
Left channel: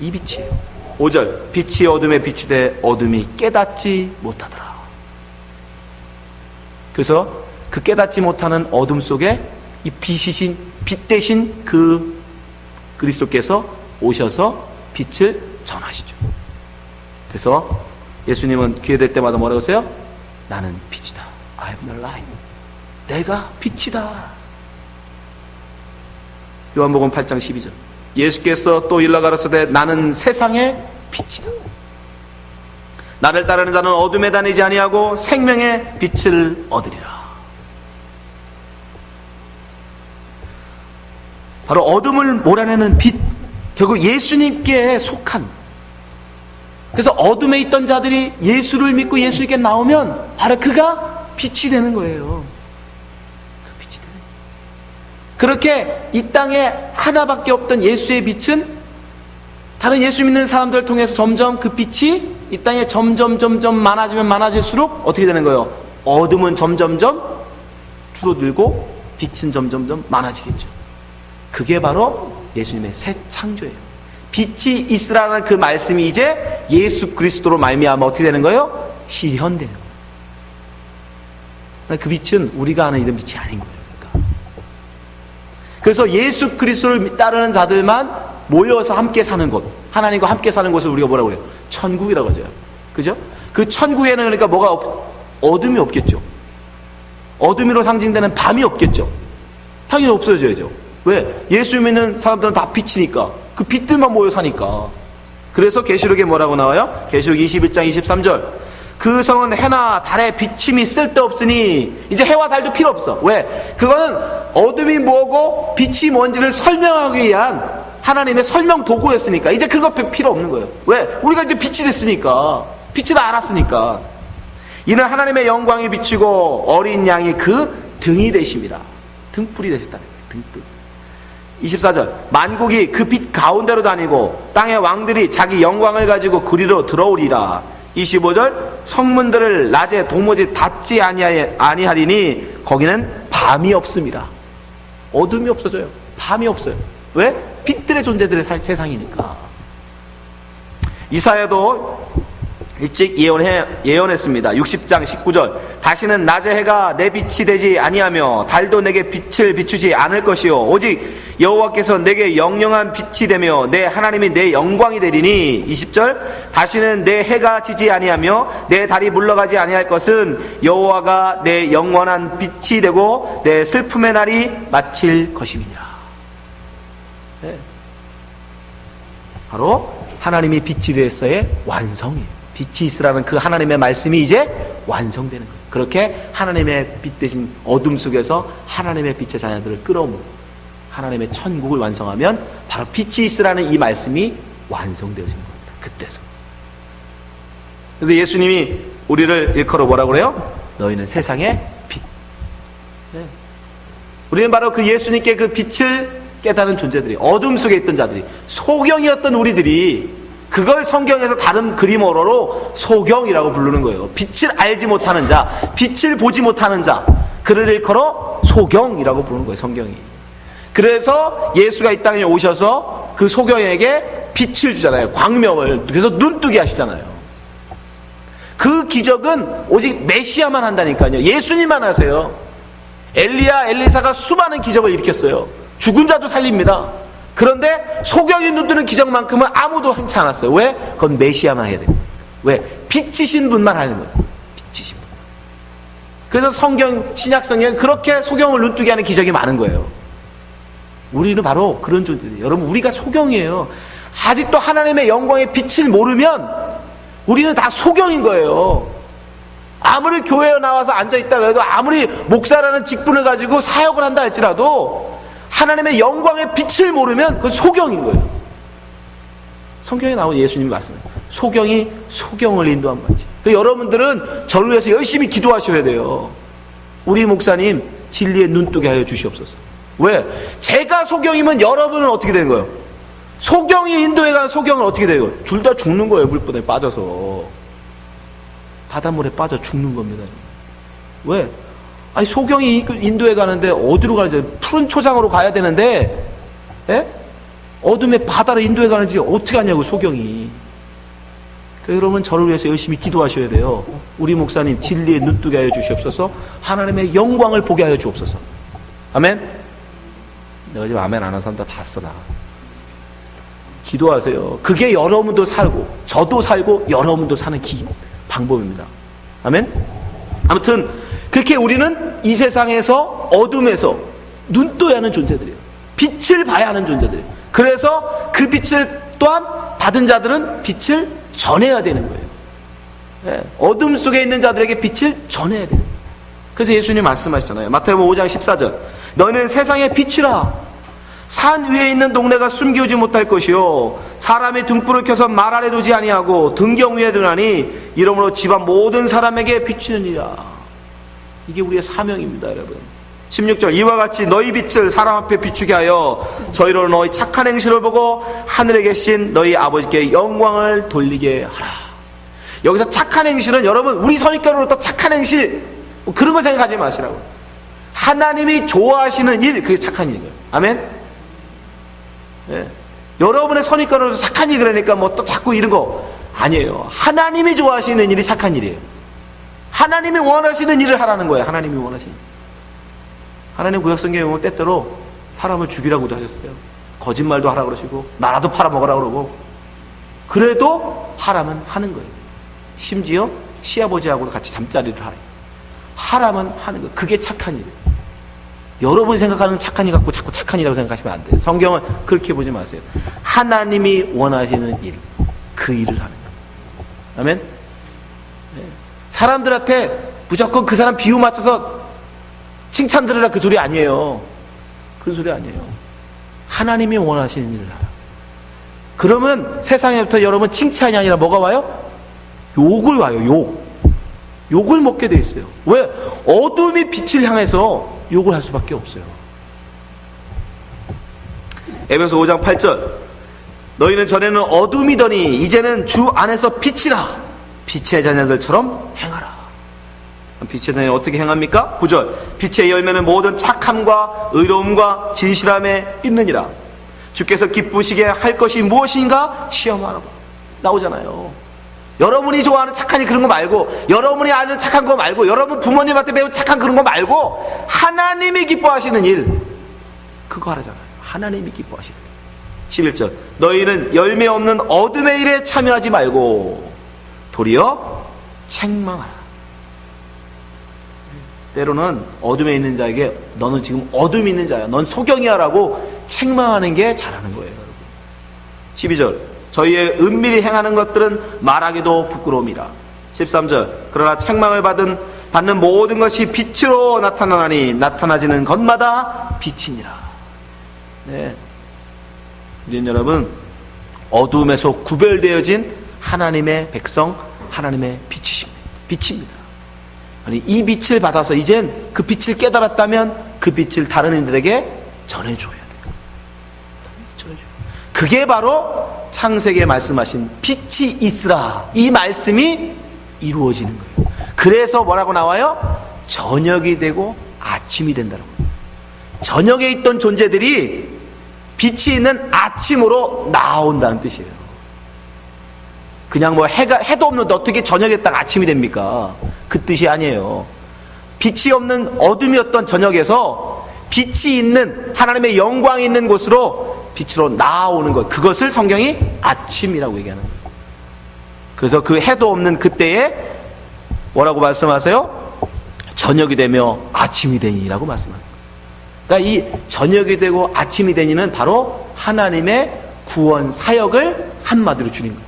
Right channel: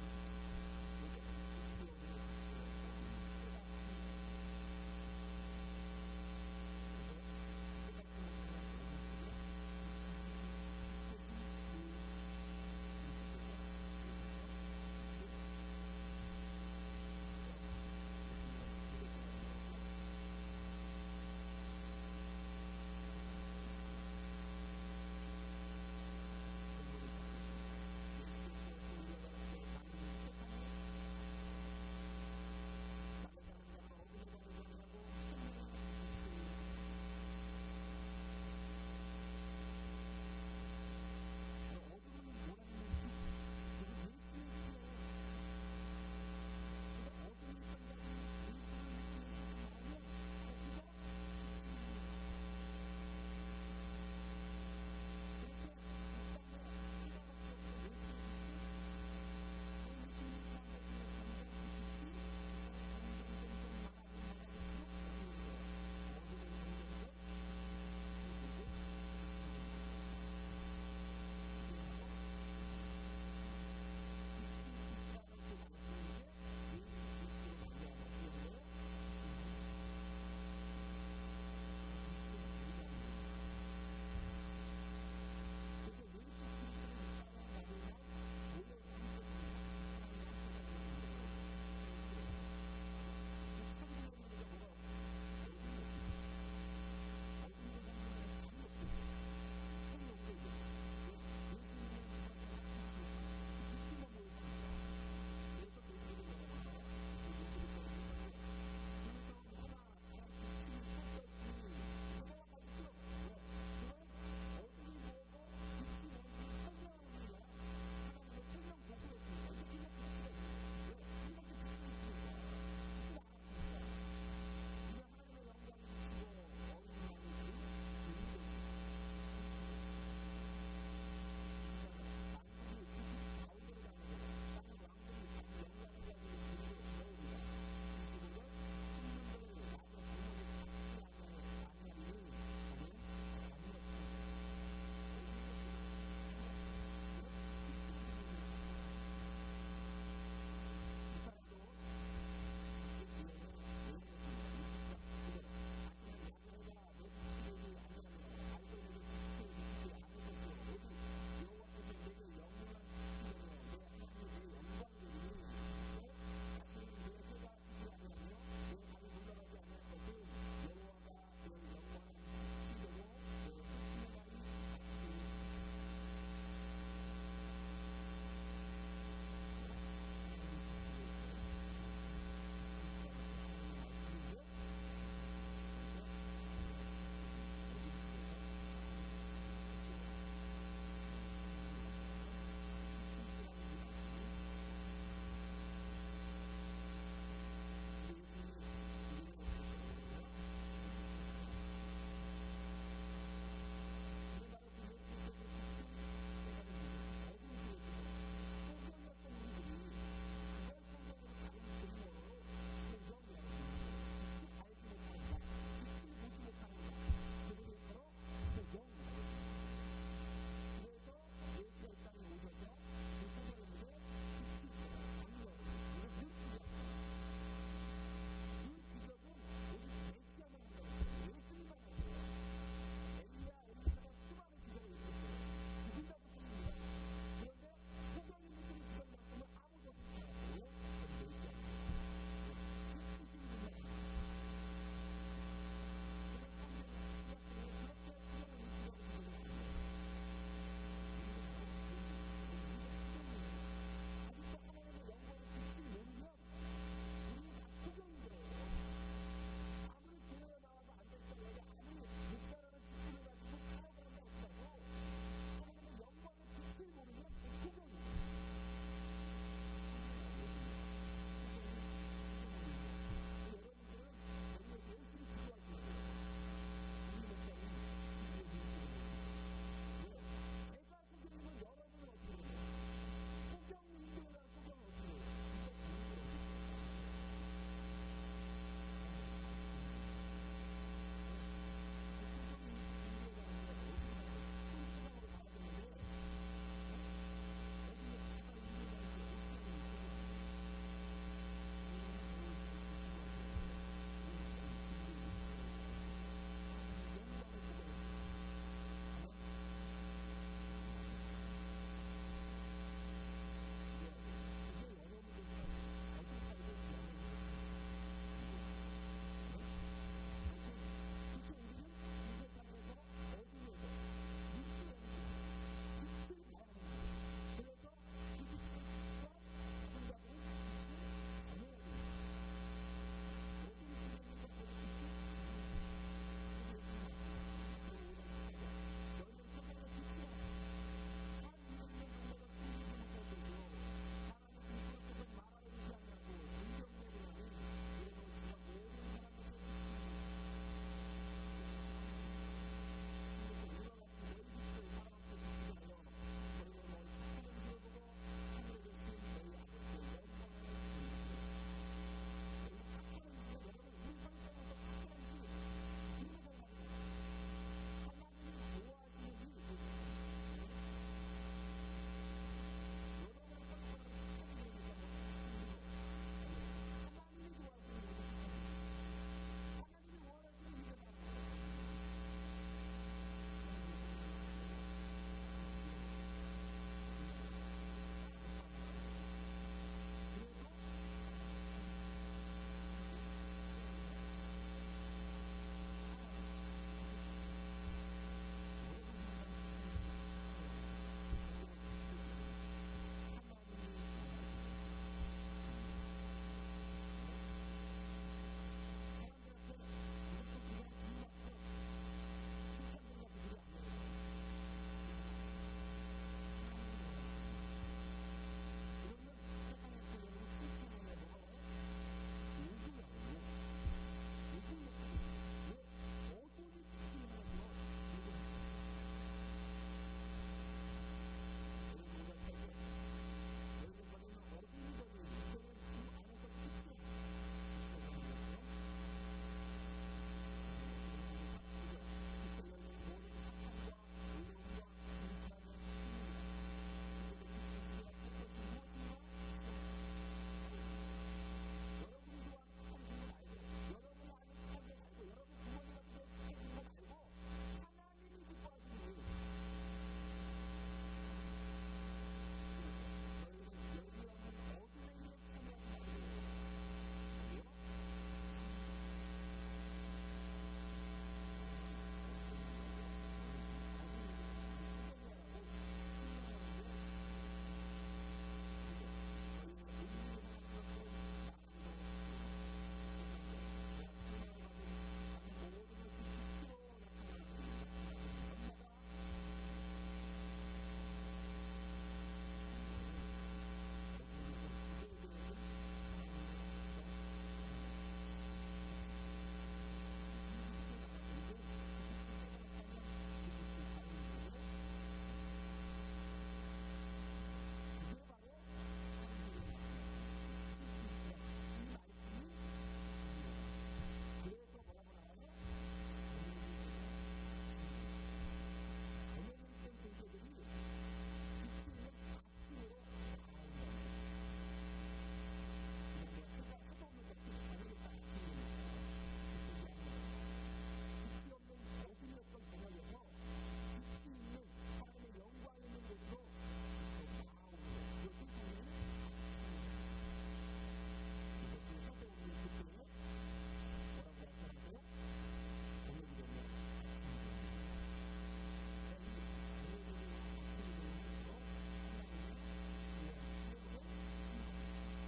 이 빛이에요. 5절 빛이 어둠에 비추되 어둠이 깨닫지 못하더라. 그래서 그 깨닫지 못하는 어둠 속에 이 빛이신 빛 대신 그 그리스도께서 오셔서 빛을 전하시죠. 그래서 예수님은 기회될 때마다 뭐라고 하세요? 나는 빛이다. I am the light. 내가 빛이다. 요한복음 8장 12절 예수께서 또 일러 가라사대 나는 세상의 빛이다. 나를 따르는 자는 어둠에 다니지 아니하고 생명의 빛을 얻으리라. 바로 어둠을 몰아내는 빛, 결국 예수님께 속한. 그래서 어둠에 있던 자들이 예수를 믿고 예수님께 나오면 바로 그가 빛이 되는 거예요. 빛이 되는 거예요. 그렇게 이 땅에 하나밖에 없던 예수의 빛은 다른 예수 믿는 사람들을 통해서 점점 그 빛이 이 땅에 점점 많아지면 많아질수록 어떻게 되는 거예요? 어둠은 점점점 줄어들고 빛은 점점점 많아지겠죠. 그게 바로 예수님의 새 창조예요. 빛이 있으라는 그 말씀이 이제 예수 그리스도로 말미암아 어떻게 되는 거예요? 실현되는 거예요. 그 빛은 우리가 아는 이런 빛이 아닌 거예요. 그러니까. 그래서 예수 그리스도를 따르는 자들만 모여서 함께 사는 곳, 하나님과 함께 사는 곳을 우리가 뭐라고 해요? 천국이라고 하죠. 그죠? 그 천국에는 그러니까 어둠이 없겠죠. 어둠으로 상징되는 밤이 없겠죠. 당연히 없어져야죠. 왜? 예수 믿는 사람들은 다 빛이니까. 그 빛들만 모여 사니까. 그래서 계시록에 뭐라고 나와요? 계시록 21장 23절 그 성은 해나 달의 비침이 쓸데없으니 이제 해와 달도 필요 없어. 왜? 그거는 어둠이 뭐고 빛이 뭔지를 설명하기 위한 하나님의 설명 도구였으니까 이제 그거 필요 없는 거예요. 왜? 우리가 이제 빛이 됐으니까. 빛을 알았으니까. 이는 하나님의 영광이 비치고 어린 양이 그 등이 되심이라. 등불이 되셨다는 거예요. 등불. 24절 만국이 그 빛 가운데로 다니고 땅의 왕들이 자기 영광을 가지고 그리로 들어오리라. 25절 성문들을 낮에 도무지 닫지 아니하리니 거기는 밤이 없습니다. 어둠이 없어져요. 밤이 없어요. 왜? 빛들의 존재들의 세상이니까. 이사야도 일찍 예언했습니다. 60장 19절 다시는 낮의 해가 내 빛이 되지 아니하며 달도 내게 빛을 비추지 않을 것이요 오직 여호와께서 내게 영영한 빛이 되며 내 하나님이 내 영광이 되리니. 20절 다시는 내 해가 지지 아니하며 내 달이 물러가지 아니할 것은 여호와가 내 영원한 빛이 되고 내 슬픔의 날이 마칠 것임이니라. 네. 바로 하나님이 빛이 되었어의 완성이에요. 빛이 있으라는 그 하나님의 말씀이 이제 완성되는 거예요. 그렇게 하나님의 빛 대신 어둠 속에서 하나님의 빛의 자녀들을 끌어모으고 하나님의 천국을 완성하면 바로 빛이 있으라는 이 말씀이 완성되어진 겁니다. 그때서. 그래서 예수님이 우리를 일컬어 뭐라고 그래요? 너희는 세상의 빛. 네. 우리는 바로 그 예수님께 그 빛을 깨닫는 존재들이, 어둠 속에 있던 자들이, 소경이었던 우리들이 그걸 성경에서 다른 그림어로 소경이라고 부르는 거예요. 빛을 알지 못하는 자, 빛을 보지 못하는 자, 그를 일컬어 소경이라고 부르는 거예요, 성경이. 그래서 예수가 이 땅에 오셔서 그 소경에게 빛을 주잖아요. 광명을. 그래서 눈뜨게 하시잖아요. 그 기적은 오직 메시아만 한다니까요. 예수님만 하세요. 엘리야, 엘리사가 수많은 기적을 일으켰어요. 죽은 자도 살립니다. 그런데 소경이 눈뜨는 기적만큼은 아무도 하지 않았어요. 왜? 그건 메시아만 해야 돼요. 왜? 빛이신 분만 하는 거예요. 빛이신 분. 그래서 신약 성경에 그렇게 소경을 눈뜨게 하는 기적이 많은 거예요. 우리는 바로 그런 존재들이에요. 여러분, 우리가 소경이에요. 아직도 하나님의 영광의 빛을 모르면 우리는 다 소경인 거예요. 아무리 교회에 나와서 앉아있다가 해도, 아무리 목사라는 직분을 가지고 사역을 한다 할지라도 하나님의 영광의 빛을 모르면 그건 소경인 거예요. 성경에 나온 예수님이 말씀해요. 소경이 소경을 인도한 거지. 여러분들은 저를 위해서 열심히 기도하셔야 돼요. 우리 목사님 진리의 눈뜨게 하여 주시옵소서. 왜? 제가 소경이면 여러분은 어떻게 되는 거예요? 소경이 인도에 간 소경은 어떻게 돼요? 둘 다 죽는 거예요. 물분에 빠져서 바닷물에 빠져 죽는 겁니다. 왜? 아니, 소경이 인도에 가는데 어디로 가는지, 푸른 초장으로 가야 되는데, 예? 어둠의 바다로 인도에 가는지 어떻게 하냐고, 소경이. 여러분, 저를 위해서 열심히 기도하셔야 돼요. 우리 목사님 진리에 눈뜨게 하여 주시옵소서. 하나님의 영광을 보게 하여 주옵소서. 아멘. 내가 지금 아멘 안 하는 사람 다 써, 나. 기도하세요. 그게 여러분도 살고 저도 살고 여러분도 사는 방법입니다. 아멘. 아무튼 그렇게 우리는 이 세상에서 어둠에서 눈떠야 하는 존재들이에요. 빛을 봐야 하는 존재들이에요. 그래서 그 빛을 또한 받은 자들은 빛을 전해야 되는 거예요. 네. 어둠 속에 있는 자들에게 빛을 전해야 되는 거예요. 그래서 예수님 말씀하시잖아요. 마태복음 5장 14절. 너는 세상의 빛이라. 산 위에 있는 동네가 숨기지 못할 것이요, 사람이 등불을 켜서 말 아래 두지 아니하고 등경 위에 두나니 이러므로 집안 모든 사람에게 비추느니라. 이게 우리의 사명입니다, 여러분. 16절. 이와 같이 너희 빛을 사람 앞에 비추게 하여 저희로 너희 착한 행실을 보고 하늘에 계신 너희 아버지께 영광을 돌리게 하라. 여기서 착한 행실은 여러분, 우리 선입견으로 착한 행실 그런 거 생각하지 마시라고. 하나님이 좋아하시는 일, 그게 착한 일인 거예요. 아멘. 네. 여러분의 선입견으로 착한 일, 그러니까 뭐 또 자꾸 이런 거 아니에요. 하나님이 좋아하시는 일이 착한 일이에요. 하나님이 원하시는 일을 하라는 거예요. 하나님이 원하시는 일. 하나님 구약성경에 보면 때때로 사람을 죽이라고도 하셨어요. 거짓말도 하라고 그러시고 나라도 팔아먹으라고 그러고, 그래도 하라면 하는 거예요. 심지어 시아버지하고도 같이 잠자리를 하라면 하는 거예요. 그게 착한 일이에요. 여러분이 생각하는 착한 일 갖고 자꾸 착한 일이라고 생각하시면 안 돼요. 성경은 그렇게 보지 마세요. 하나님이 원하시는 일, 그 일을 하는 거예요. 아멘. 네. 사람들한테 무조건 그 사람 비유 맞춰서 칭찬 들으라, 그 소리 아니에요. 그런 소리 아니에요. 하나님이 원하시는 일을 하라. 그러면 세상에부터 여러분 칭찬이 아니라 뭐가 와요? 욕을 와요. 욕을 먹게 돼 있어요. 왜? 어둠이 빛을 향해서 욕을 할 수밖에 없어요. 에베소 5장 8절. 너희는 전에는 어둠이더니 이제는 주 안에서 빛이라. 빛의 자녀들처럼 행하라. 빛의 자녀는 어떻게 행합니까? 9절. 빛의 열매는 모든 착함과 의로움과 진실함에 있느니라. 주께서 기쁘시게 할 것이 무엇인가 시험하라. 나오잖아요. 여러분이 좋아하는 착한 일 그런 거 말고, 여러분이 아는 착한 거 말고, 여러분 부모님한테 배운 착한 그런 거 말고, 하나님이 기뻐하시는 일, 그거 하라잖아요. 하나님이 기뻐하시는 일. 11절. 너희는 열매 없는 어둠의 일에 참여하지 말고 도리어 책망하라. 때로는 어둠에 있는 자에게 너는 지금 어둠이 있는 자야, 넌 소경이야 라고 책망하는 게 잘하는 거예요, 여러분. 12절. 저희의 은밀히 행하는 것들은 말하기도 부끄러움이라. 13절. 그러나 책망을 받는 모든 것이 빛으로 나타나니 나타나지는 것마다 빛이니라. 네. 우리는 여러분 어둠에서 구별되어진 하나님의 백성, 하나님의 빛입니다. 아니, 이 빛을 받아서 이젠 그 빛을 깨달았다면 그 빛을 다른 이들에게 전해줘야 돼요. 전해줘요. 그게 바로 창세기에 말씀하신 빛이 있으라, 이 말씀이 이루어지는 거예요. 그래서 뭐라고 나와요? 저녁이 되고 아침이 된다는 거예요. 저녁에 있던 존재들이 빛이 있는 아침으로 나온다는 뜻이에요. 그냥 뭐 해도 없는데 어떻게 저녁에 딱 아침이 됩니까? 그 뜻이 아니에요. 빛이 없는 어둠이었던 저녁에서 빛이 있는 하나님의 영광이 있는 곳으로 빛으로 나오는 것, 그것을 성경이 아침이라고 얘기하는 거예요. 그래서 그 해도 없는 그때에 뭐라고 말씀하세요? 저녁이 되며 아침이 되니라고 말씀합니다. 그러니까 이 저녁이 되고 아침이 되니는 바로 하나님의 구원 사역을 한마디로 주는 거예요.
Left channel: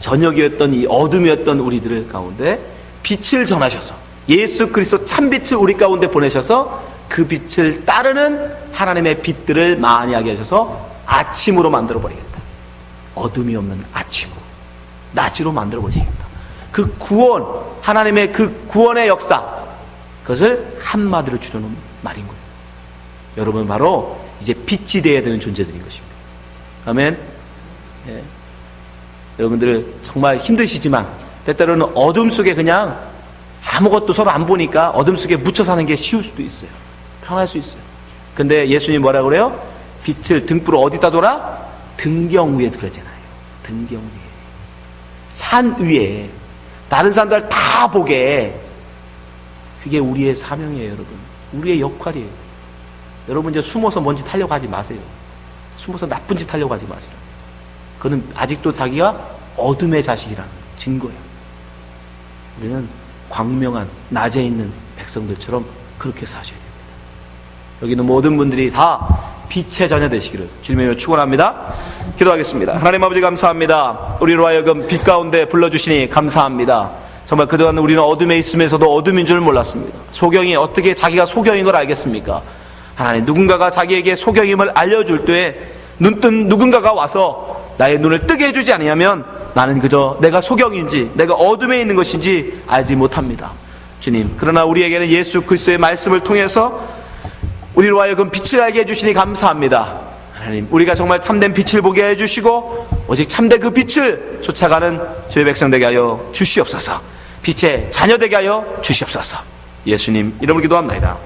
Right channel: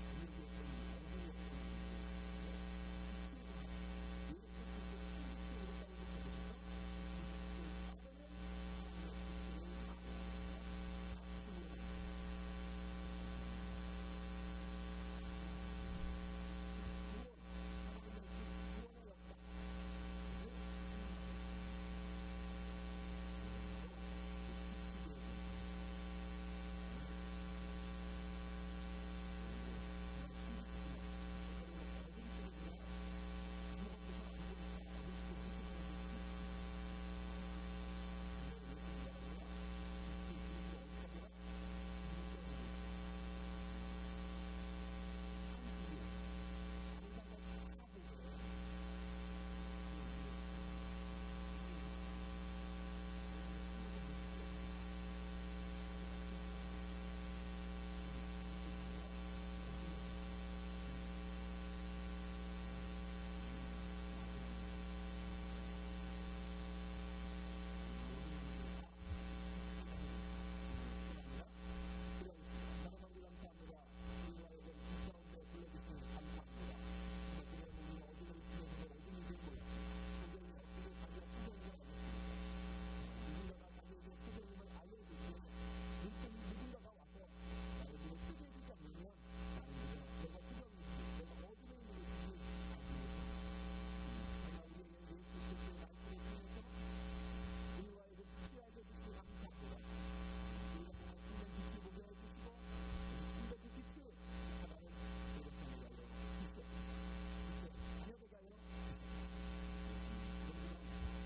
저녁이었던 이 어둠이었던 우리들 가운데 빛을 전하셔서 예수 그리스도 참빛을 우리 가운데 보내셔서 그 빛을 따르는 하나님의 빛들을 많이 하게 하셔서 아침으로 만들어 버리겠다. 어둠이 없는 아침으로, 낮으로 만들어 버리시겠다. 그 구원, 하나님의 그 구원의 역사, 그것을 한마디로 줄여놓은 말인 거예요. 여러분 바로 이제 빛이 되어야 되는 존재들인 것입니다. 아멘. 예. 여러분들 정말 힘드시지만 때때로는 어둠 속에 그냥 아무것도 서로 안 보니까 어둠 속에 묻혀 사는 게 쉬울 수도 있어요. 편할 수 있어요. 근데 예수님이 뭐라 그래요? 빛을 등불을 어디다 둬라? 등경 위에 두라잖아요. 등경 위에. 산 위에. 다른 사람들 다 보게. 그게 우리의 사명이에요, 여러분. 우리의 역할이에요. 여러분 이제 숨어서 뭔 짓 하려고 하지 마세요. 숨어서 나쁜 짓 하려고 하지 마시라. 그는 아직도 자기가 어둠의 자식이라는 증거예요. 우리는 광명한 낮에 있는 백성들처럼 그렇게 사셔야 됩니다. 여기 있는 모든 분들이 다 빛의 자녀 되시기를 주님의 축원합니다. 기도하겠습니다. 하나님 아버지 감사합니다. 우리로 하여금 빛 가운데 불러주시니 감사합니다. 정말 그동안 우리는 어둠에 있으면서도 어둠인 줄 몰랐습니다. 소경이 어떻게 자기가 소경인 걸 알겠습니까? 하나님, 누군가가 자기에게 소경임을 알려줄 때 눈뜬 누군가가 와서 나의 눈을 뜨게 해주지 않으면 나는 그저 내가 소경인지 내가 어둠에 있는 것인지 알지 못합니다. 주님, 그러나 우리에게는 예수 그리스도의 말씀을 통해서 우리로 하여금 빛을 알게 해주시니 감사합니다. 하나님, 우리가 정말 참된 빛을 보게 해주시고 오직 참된 그 빛을 쫓아가는 주의 백성 되게 하여 주시옵소서. 빛의 자녀 되게 하여 주시옵소서. 예수님 이름으로 기도합니다.